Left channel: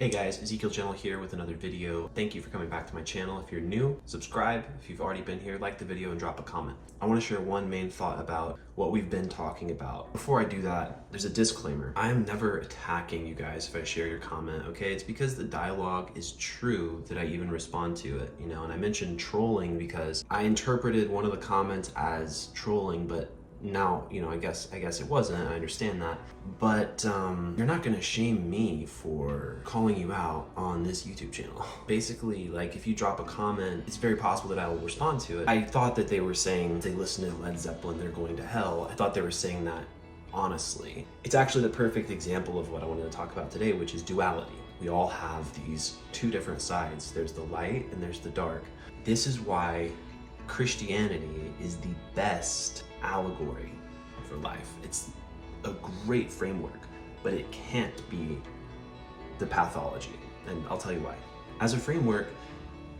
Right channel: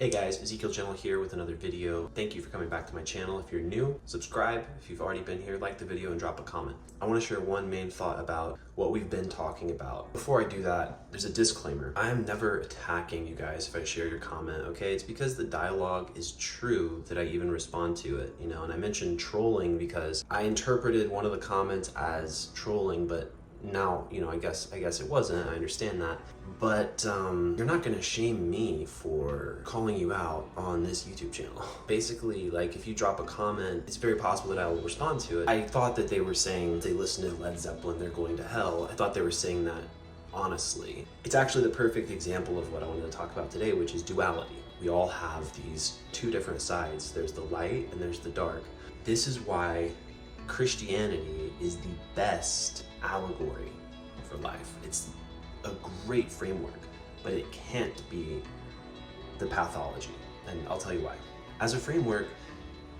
Hey guys, Ezekiel Channel here with another video. Thank you for coming back to my channel. If you're new, subscribe. If you've already been here, like the video and drop a comment. I want to share one main thought about what we've been talking about. Before I do that, there's a disclaimer. I'm never attacking you guys if I share your comment, okay? It's because the dialogue is true that I even respond to it, and I mentioned trolling because I interpreted one of the comments as trolling, but now, I guess it wasn't. I understand that. But you're not gonna shame me for calling you out on this YouTube channel. Basically, like, if you drop a comment, it's very possible that I will respond to it. I thought that they were saying they listen to Led Zeppelin, they're going to hell. I thought they were saying that honestly. It's actually the perfect example of what I wanted to talk about today, which is duality. We all have these two different sides. There's the light and there's the dark. This is why Christianity is the best allegory for life. It's a great framework, but it can't be the pathology, and I'll tell you why. As a framework,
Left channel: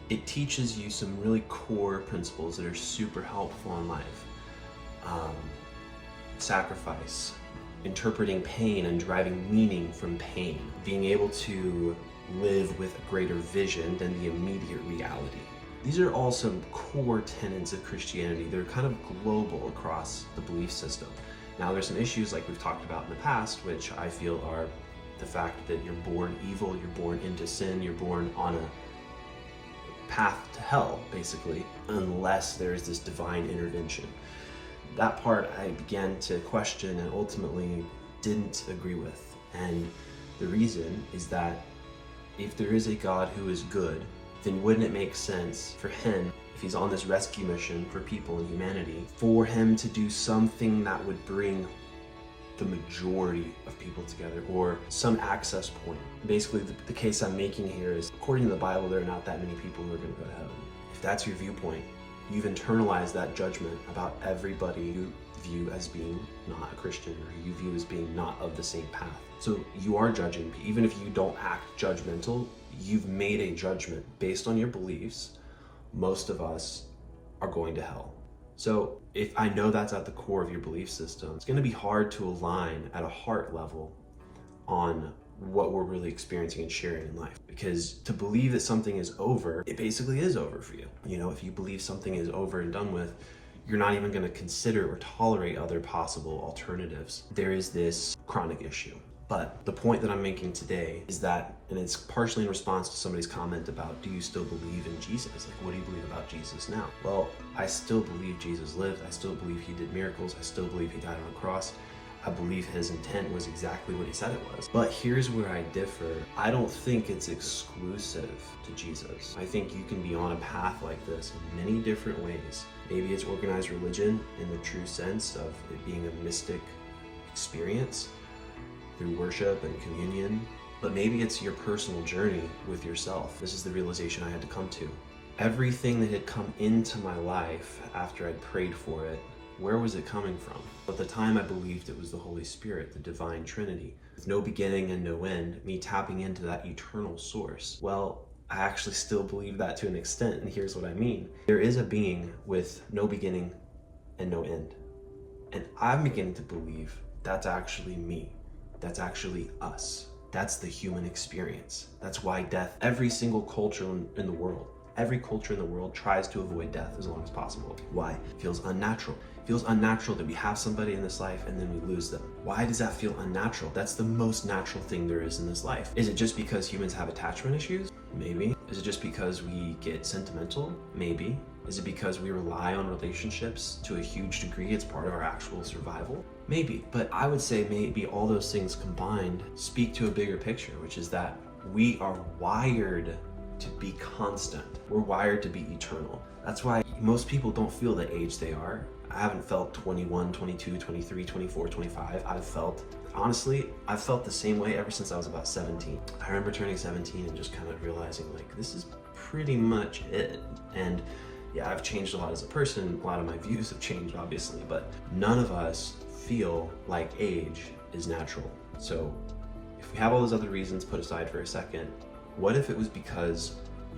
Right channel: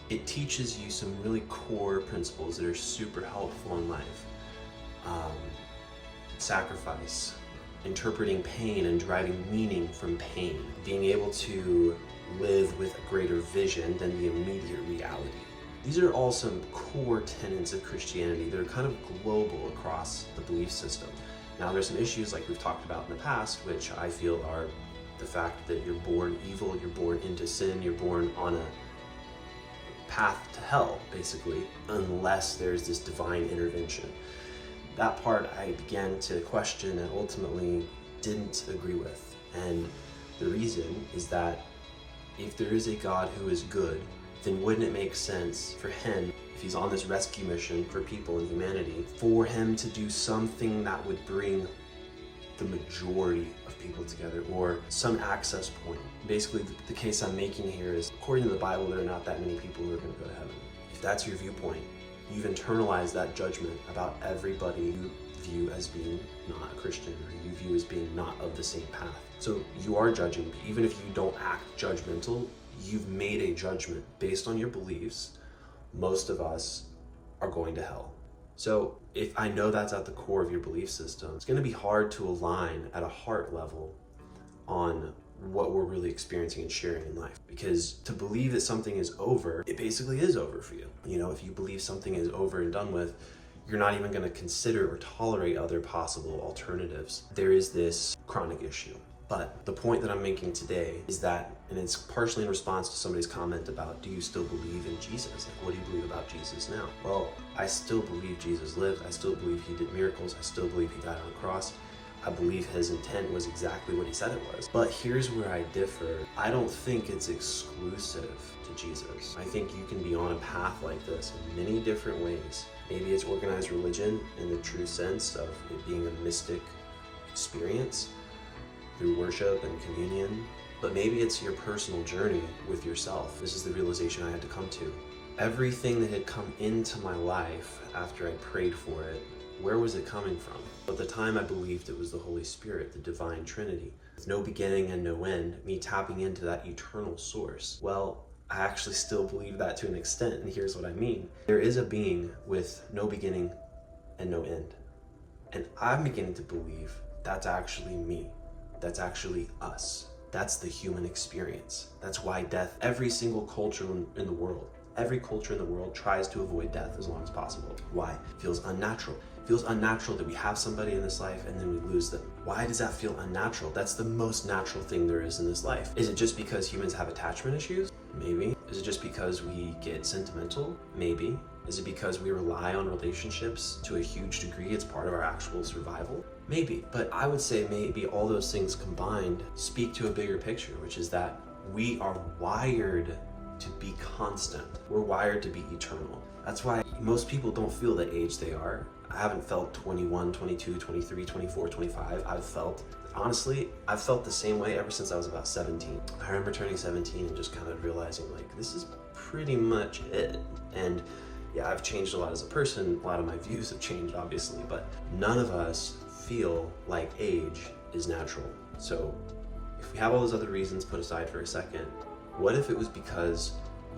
it teaches you some really core principles that are super helpful in life. Sacrifice, interpreting pain and deriving meaning from pain, being able to live with a greater vision than the immediate reality. These are all some core tenets of Christianity. They're kind of global across the belief system. Now, there's some issues like we've talked about in the past, which I feel are the fact that you're born evil, you're born into sin, you're born on a path to hell, basically, unless there's this divine intervention. That part I began to question and ultimately didn't agree with. And the reason is that if there is a God who is good, then wouldn't it make sense for him, if he's on this rescue mission for people and humanity, for him to do something that would bring the majority of people together, or some access point? Basically, the case I'm making here is, according to the Bible, there are not that many people who are going to go to heaven. If that's your viewpoint, you've internalized that judgment about everybody you view as being not a Christian, or you view as being not of the same path. So you are judging. Even if you don't act judgmental, you've made a judgment based on your beliefs. Most of us are going to hell. So if I know that's at the core of your belief system, it's going to be hard to align at a heart level on what we're really experiencing and sharing in life. Because to believe that something is over, it basically is over for you. If you believe something is over and done with, you're not even going to consider or tolerate other possible alternatives. There is this chronic issue. But the point that I'm making today is that, and it's partially in response to somebody's comment about, do you still believe in Jesus? Like, what do you believe about Jesus now? Well, I still believe Jesus lived. I still believe he did miracles. I still believe he died on a cross. I believe his intent was exactly what he said it was. But here's where I differ. I don't think it's exclusive to Jesus. I think you can be on a path like this in many different ways. Maybe it's organized religion in the true sense of it being a mystic experience through worship and communion, but maybe it's your personal journey with yourself. This is the realization I had to come to. Everything that had come into my life after I prayed for it, where was it coming from? At the time, I believed it was the Holy Spirit, the divine Trinity, with no beginning and no end, me tapping into that eternal source. Well, I actually still believe that to an extent, and here's what I mean. There is a being with no beginning and no end. And I'm beginning to believe that's actually me. That's actually us. That's the human experience. That's why death, every single culture in the world, every culture in the world tries to avoid death as long as possible. Why? It feels unnatural. It feels unnatural that we have somebody in this life and then we lose them. Why does that feel unnatural? That's the most natural thing there is in this life. Is it just because humans have attachment issues? Maybe. Is it just because we get sentimental? Maybe. Is it because we rely on relationships to a huge degree? It's part of our actual survival? Maybe. But I would say maybe all those things combined speak to a bigger picture, which is that we are wired to be constant. We're wired to be eternal. That's why most people don't feel the age they are. I haven't felt 21, 22, 23, 24, 25. I've felt the same way ever since I was about 17. I remember turning 17 and just kind of realizing, like, this is pretty much it. And yeah, I've changed a lot as a person. A lot of my views have changed, obviously, but none of us feel like age is natural. So if we have all those other reasons put aside for a second, what if it was because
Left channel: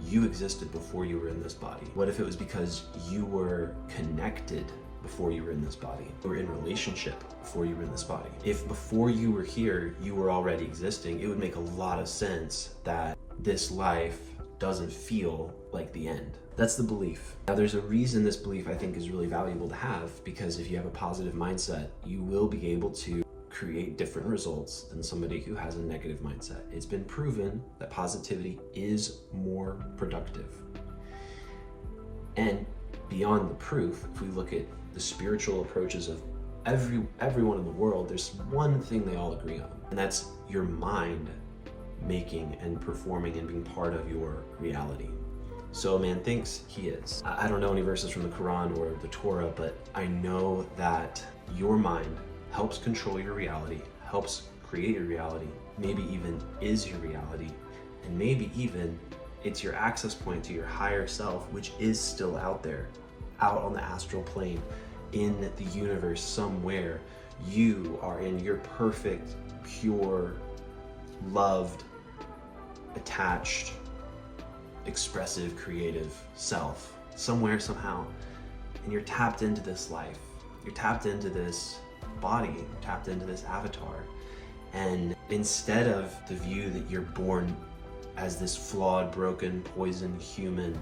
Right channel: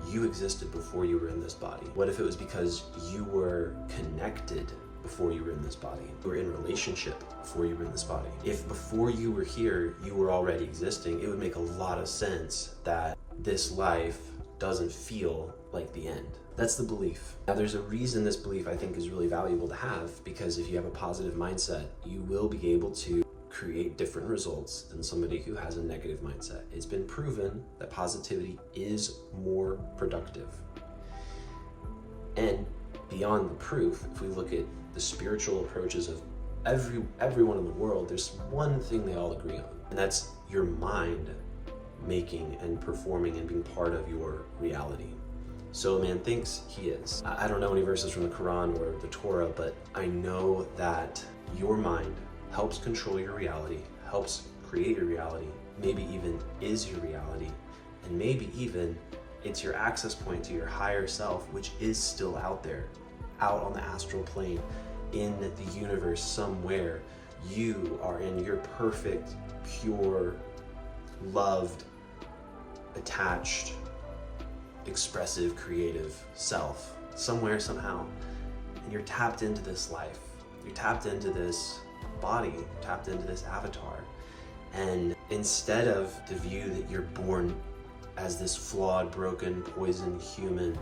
you existed before you were in this body? What if it was because you were connected before you were in this body. You were in relationship before you were in this body. If before you were here, you were already existing, it would make a lot of sense that this life doesn't feel like the end. That's the belief. Now, there's a reason this belief I think is really valuable to have, because if you have a positive mindset, you will be able to create different results than somebody who has a negative mindset. It's been proven that positivity is more productive. And beyond the proof, if we look at the spiritual approaches of everyone in the world, there's one thing they all agree on, and that's your mind making and performing and being part of your reality. So a man thinks he is. I don't know any verses from the Quran or the Torah, but I know that your mind helps control your reality, helps create your reality, maybe even is your reality, and maybe even it's your access point to your higher self, which is still out there, out on the astral plane, in the universe somewhere. You are in your perfect, pure, loved, attached, expressive, creative self, somewhere, somehow, and you're tapped into this life. You're tapped into this body, tapped into this avatar. And instead of the view that you're born as this flawed, broken, poisoned human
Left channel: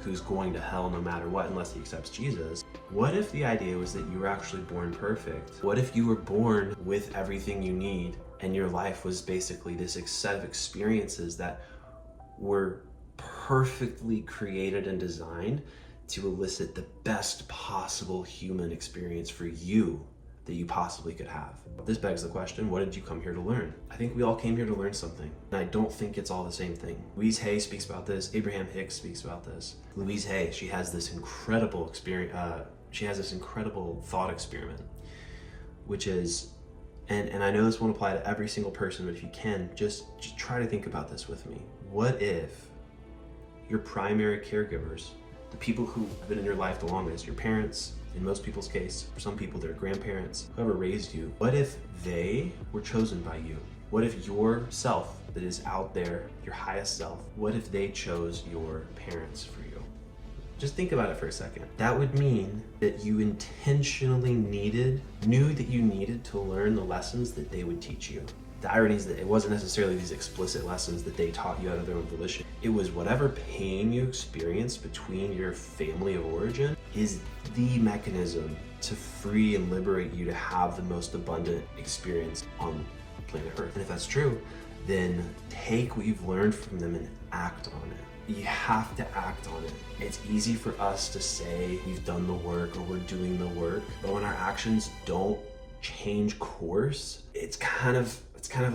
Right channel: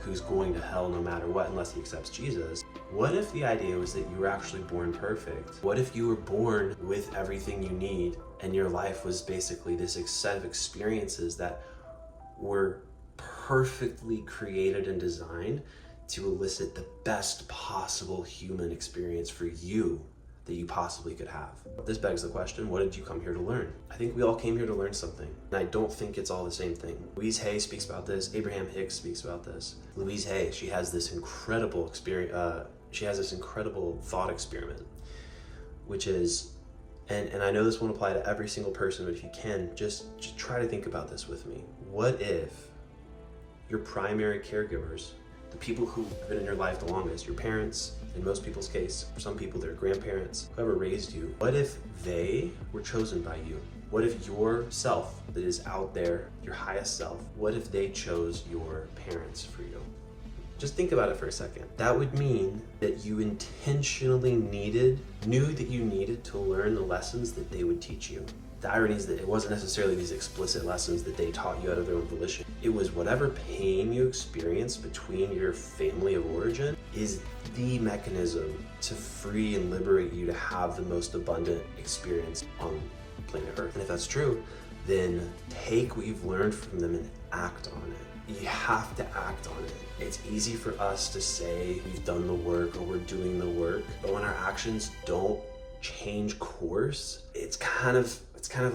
who's going to hell no matter what unless he accepts Jesus, what if the idea was that you were actually born perfect? What if you were born with everything you need and your life was basically this set of experiences that were perfectly created and designed to elicit the best possible human experience for you that you possibly could have? This begs the question, what did you come here to learn? I think we all came here to learn something, and I don't think it's all the same thing. Louise Hay speaks about this. Abraham Hicks speaks about this. Louise Hay, she has this incredible experience. She has this incredible thought experiment, which is, and I know this won't apply to every single person, but if you can, just try to think about this with me. What if your primary caregivers, the people who have been in your life the longest, your parents, in most people's case, for some people, their grandparents, whoever raised you, what if they were chosen by you? What if your self that is out there, your highest self, what if they chose your parents for you? Just think about it for a second. That would mean that you intentionally knew that you needed to learn the lessons that they would teach you. The irony is that it wasn't necessarily these explicit lessons that they taught you out of their own volition. It was whatever pain you experienced between your family of origin is the mechanism to free and liberate you to have the most abundant experience on planet Earth. And if that's true, then take what you've learned from them and act on it. You have to act on it. It's easy for us to say we've done the work or we're doing the work, but when our actions don't change course, it's kind of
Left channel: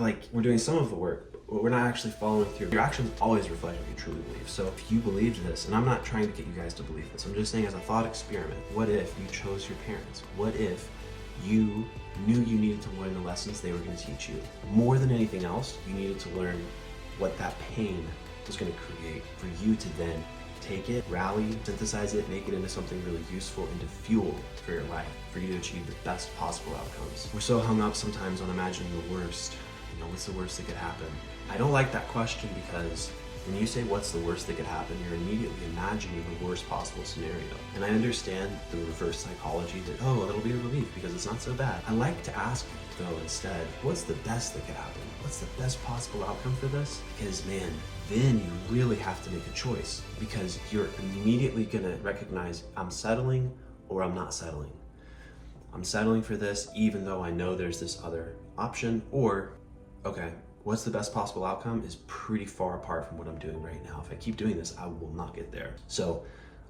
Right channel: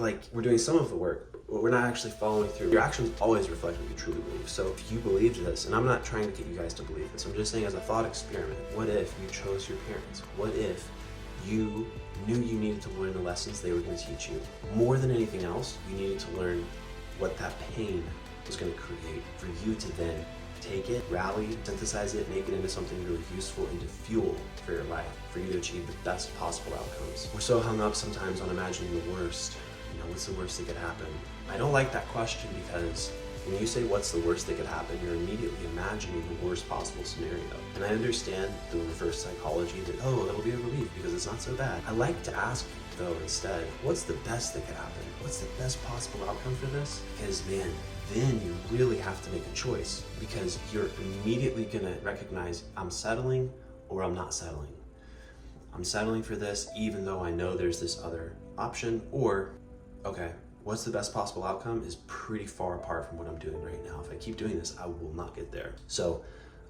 like we're doing some of the work, but we're not actually following through. Your actions always reflect what you truly believe. So if you believed this, and I'm not trying to get you guys to believe this, I'm just saying as a thought experiment, what if you chose your parents? What if you knew you needed to learn the lessons they were going to teach you? More than anything else, you needed to learn what that pain was going to create for you to then take it, rally, synthesize it, make it into something really useful, into fuel for your life, for you to achieve the best possible outcomes. We're so hung up sometimes on imagining the worst. You know, what's the worst that could happen? I don't like that question, because when you say what's the worst that could happen, you're immediately imagining the worst possible scenario. And I understand the reverse psychology that, oh, it'll be a relief because it's not so bad. I like to ask though instead, what's the best that could happen? What's the best possible outcome for this? Because man, then you really have to make a choice, because you're immediately gonna recognize I'm settling or I'm not settling. I'm settling for this even though I know there's this other option, or okay, what's the best possible outcome is pretty far apart from what I'm doing right now. If I keep doing this, I will not get there. So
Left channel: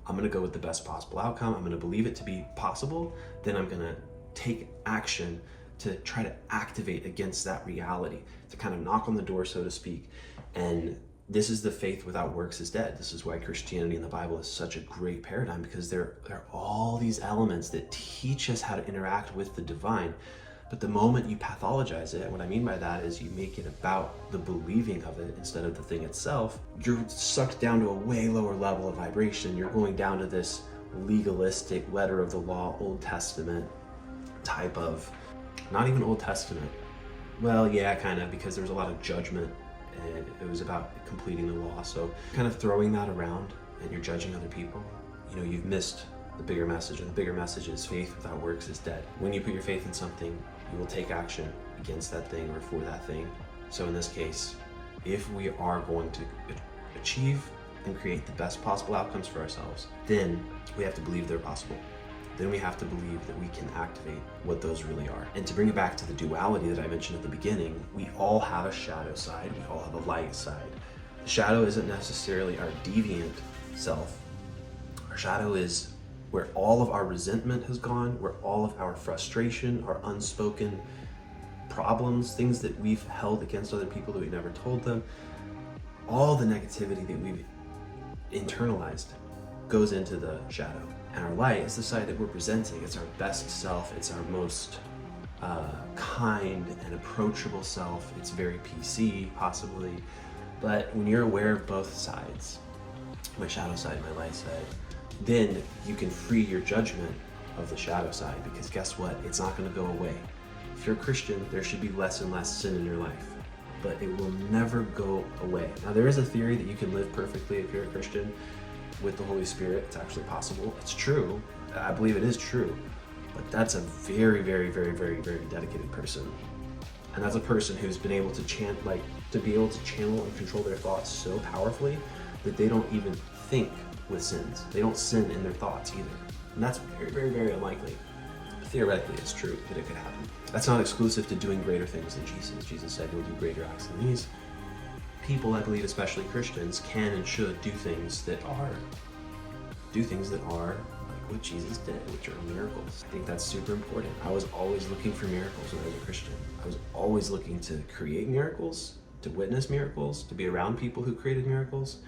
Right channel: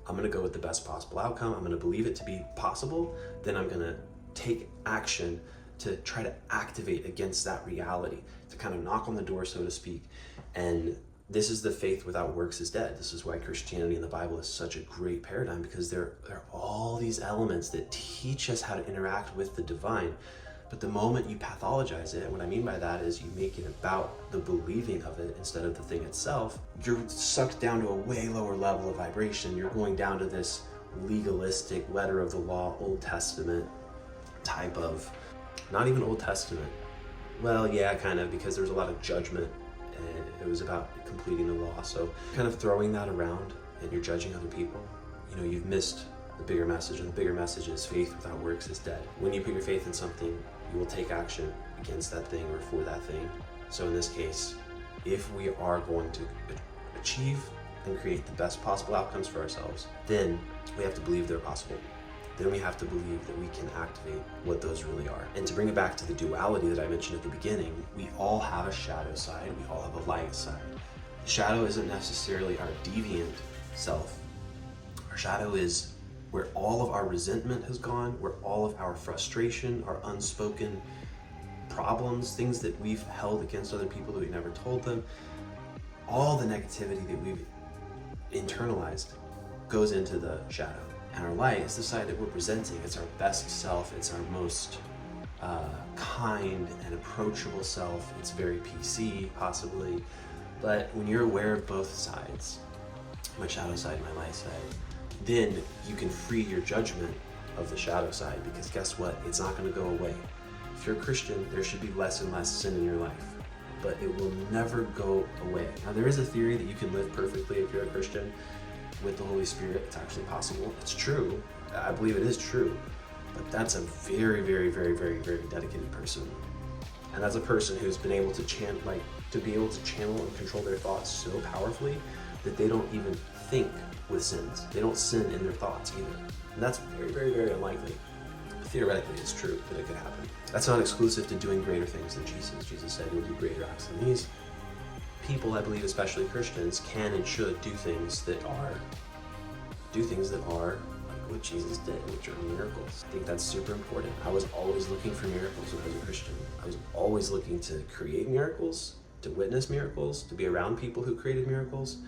I'm gonna go with the best possible outcome. I'm gonna believe it to be possible. Then I'm gonna take action to try to activate against that reality, to kind of knock on the door, so to speak. And this is the faith without works is dead. This is why Christianity in the Bible is such a great paradigm, because there are all these elements that teach us how to interact with the divine. But the moment you pathologize it, and what I mean by that is you make it about the believing of it instead of the thing itself, you're sucked down to a way lower level of vibration. You're going down to this legalistic, letter of the law, Old Testament type of, not even Old Testament. Well, yeah, kind of, because there was a lot of judgment and it was about completing the law. So kind of throwing that around and you're judging other people. You know, you've missed the bigger message, and the bigger message is faith without works is dead. When you put your faith in something, you will take action against that thing or for that thing. So in this case, if we are going to achieve and create the best possible outcomes for ourselves, then we have to believe they're possible. Then we have to believe that we can activate what those really are. And to bring it back to the duality that I mentioned at the beginning, we all have a shadow side, we all have a light side. The shadow isn't necessarily our deviant self. Our shadow is where all of our resentment has gone, where all of our frustration, our unspoken problems, things that we've held against other people that we never told them, all the negativity that we've internalized goes into the shadow. And our light is the side that we're presenting. It's our best self. It's our most kind and approachable self. It's very PC, possibly. But when you're aware of both sides, my shadow side, my light side, then you can free your judgment of the shadow side, because guess what? It's not going to go away. If you're a Christian, there should be less and less sin in your life, but it will never go away. Now, there is a theory that you can live perfectly if you're a Christian with the Holy Spirit. It's actually possible. It's true. I believe it is true. But that's a very, very, very, very, very dedicated person. And that's a person who's been able to channel and control their thoughts so powerfully that they don't even think with sins. They don't sin in their thoughts either. And that's very, very, very unlikely. Theoretically, it's true that it could happen. That's not exclusive to doing greater things than Jesus. Jesus said you'll do greater acts than these. People, I believe, especially Christians, can and should do things that are like what Jesus did, which are miracles. I think that's super important. I was always looking for miracles when I was a Christian. I was always looking to create miracles, to witness miracles, to be around people who created miracles,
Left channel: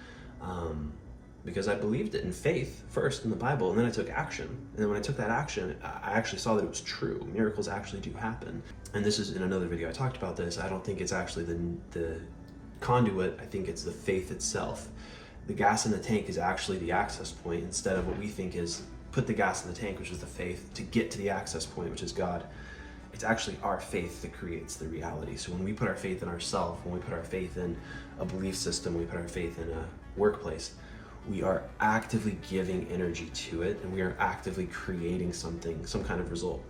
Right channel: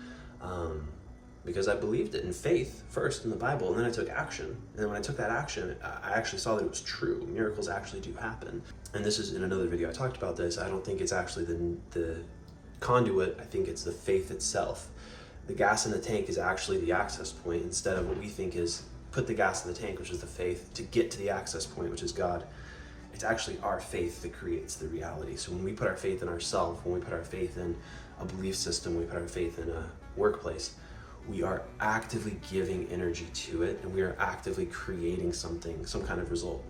because I believed it in faith first in the Bible, and then I took action. And then when I took that action, I actually saw that it was true. Miracles actually do happen. And this is in another video I talked about this. I don't think it's actually the conduit. I think it's the faith itself. The gas in the tank is actually the access point, instead of what we think is put the gas in the tank, which is the faith, to get to the access point, which is God. It's actually our faith that creates the reality. So when we put our faith in ourselves, when we put our faith in a belief system, we put our faith in a workplace, we are actively giving energy to it, and we are actively creating something, some kind of result.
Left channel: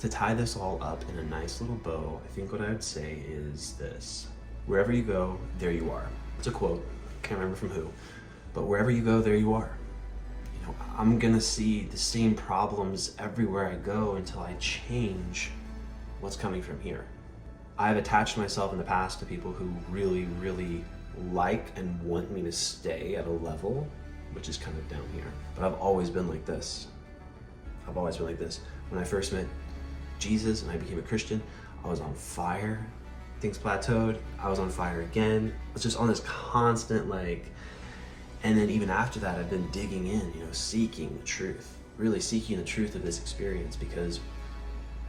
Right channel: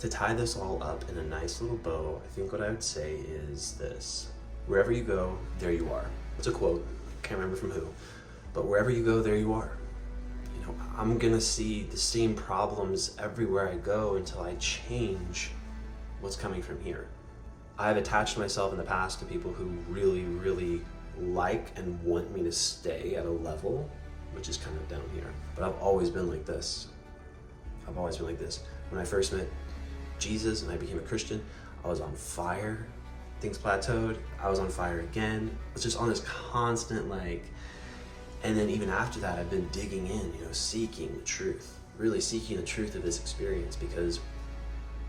To tie this all up in a nice little bow, I think what I would say is this: wherever you go, there you are. It's a quote, can't remember from who, but wherever you go, there you are. You know, I'm gonna see the same problems everywhere I go until I change what's coming from here. I've attached myself in the past to people who really, really like and want me to stay at a level which is kind of down here. But I've always been like this. I've always been like this. When I first met Jesus and I became a Christian, I was on fire. Things plateaued. I was on fire again. I was just on this constant and then even after that, I've been digging in, seeking the truth, really seeking the truth of this experience, because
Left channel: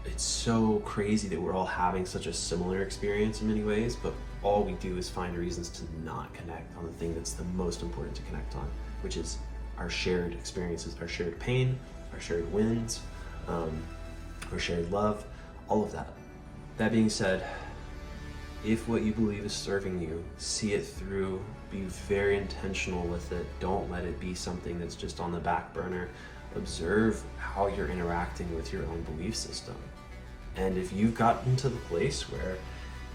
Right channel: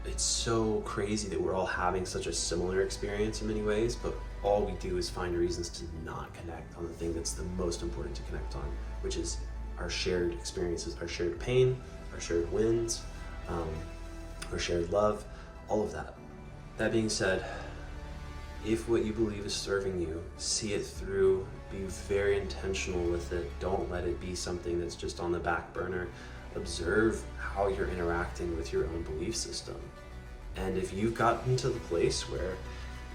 it's so crazy that we're all having such a similar experience in many ways, but all we do is find reasons to not connect on the thing that's the most important to connect on, which is our shared experiences, our shared pain, our shared wins, our shared love, all of that. That being said, if what you believe is serving you, see it through, be very intentional with it. Don't let it be something that's just on the back burner. Observe how you're interacting with your own belief system. And if you've gotten to the place where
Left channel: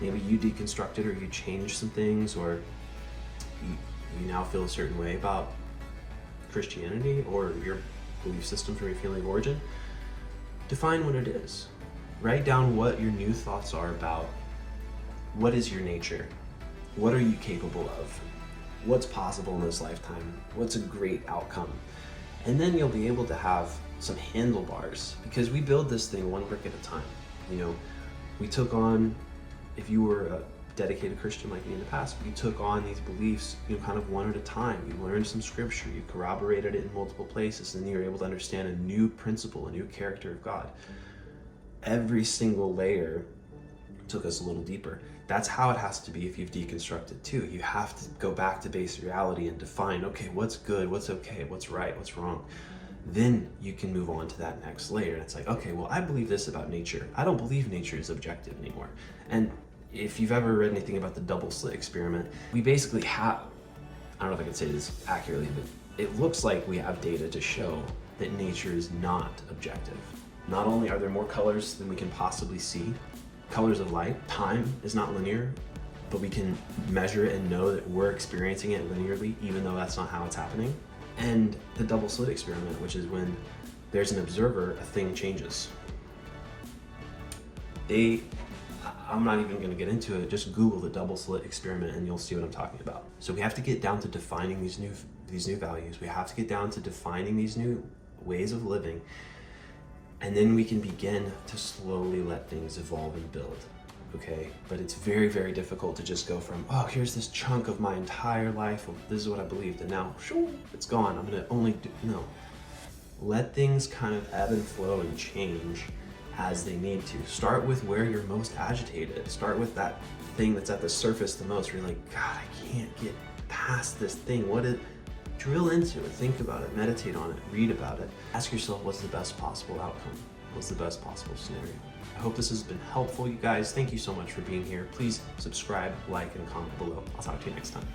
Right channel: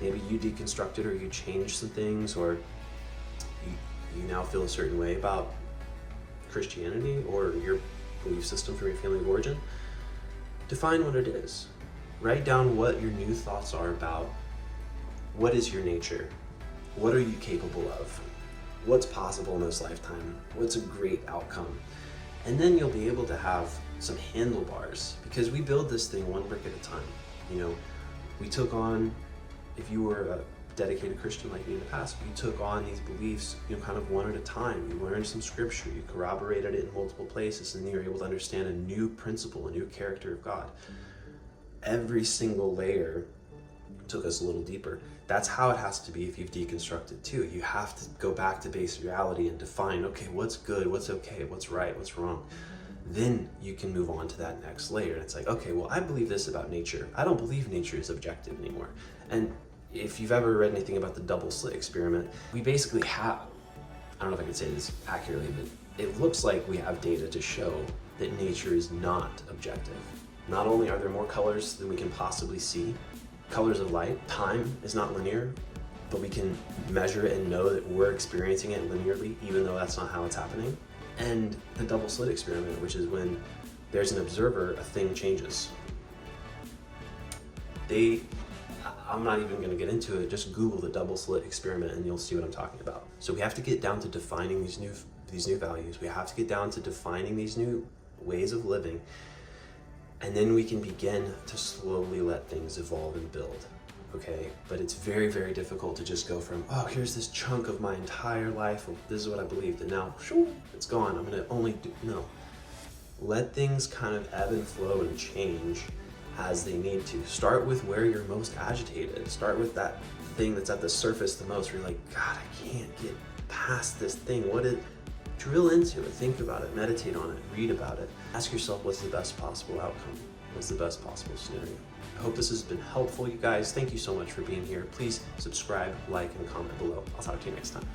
maybe you deconstructed or you changed some things, or you now feel a certain way about Christianity or your belief system from your family of origin, define what it is. Write down what your new thoughts are about what is your nature, what are you capable of, what's possible in this lifetime, what's a great outcome. And then you'll be able to have some handlebars, because we build this thing one brick at a time. We took on, if you were a dedicated Christian like me in the past, you took on these beliefs, kind of one at a time. You learned some scripture, you corroborated it in multiple places, and you were able to understand a new principle, a new character of God. Every single layer took us a little deeper. That's how it has to be if you've deconstructed too. You have to go back to base reality and define, okay, what's good, what's okay, what's right, what's wrong. Then you can move on to that next layer. And it's like, okay, well, I believe this about nature. I don't believe nature is objective anymore. And if you've ever read anything about the double slit experiment, we basically have, I don't know if I could say this accurately, but it looks like we have data to show that nature is not objective. Not only are there more colors than we can possibly see, colors of light, time is not linear, but we can measure it and know that we're experiencing it linearly, even though that's not how it's happening. And the double slit experiment, which is when there's an observer, a thing changes. I'm not even gonna get into it, just Google the double slit experiment and you'll see what I'm talking about. So we have to get down to defining these new values. We have to get down to defining these new ways of living, and then we can begin to slowly let things evolve and build, okay? But it's very, very difficult to just go from, oh, here's this chunk of my entire life, this is what I believed, and now, shoo, it's gone, I'm gonna only do, no. Let things kind of ebb and flow and change as they need to. Start with where you're most agitated. Start with that thing that's at the surface the most, where you're like, God, I can't get past this thing. Drill into it, think about it, meditate on it, read about it. Ask yourself, what's the best possible outcome? What's the best possible scenario? I hope this has been helpful, you guys. Thank you so much for being here. Please subscribe, like, and comment below. I'll talk to you next time.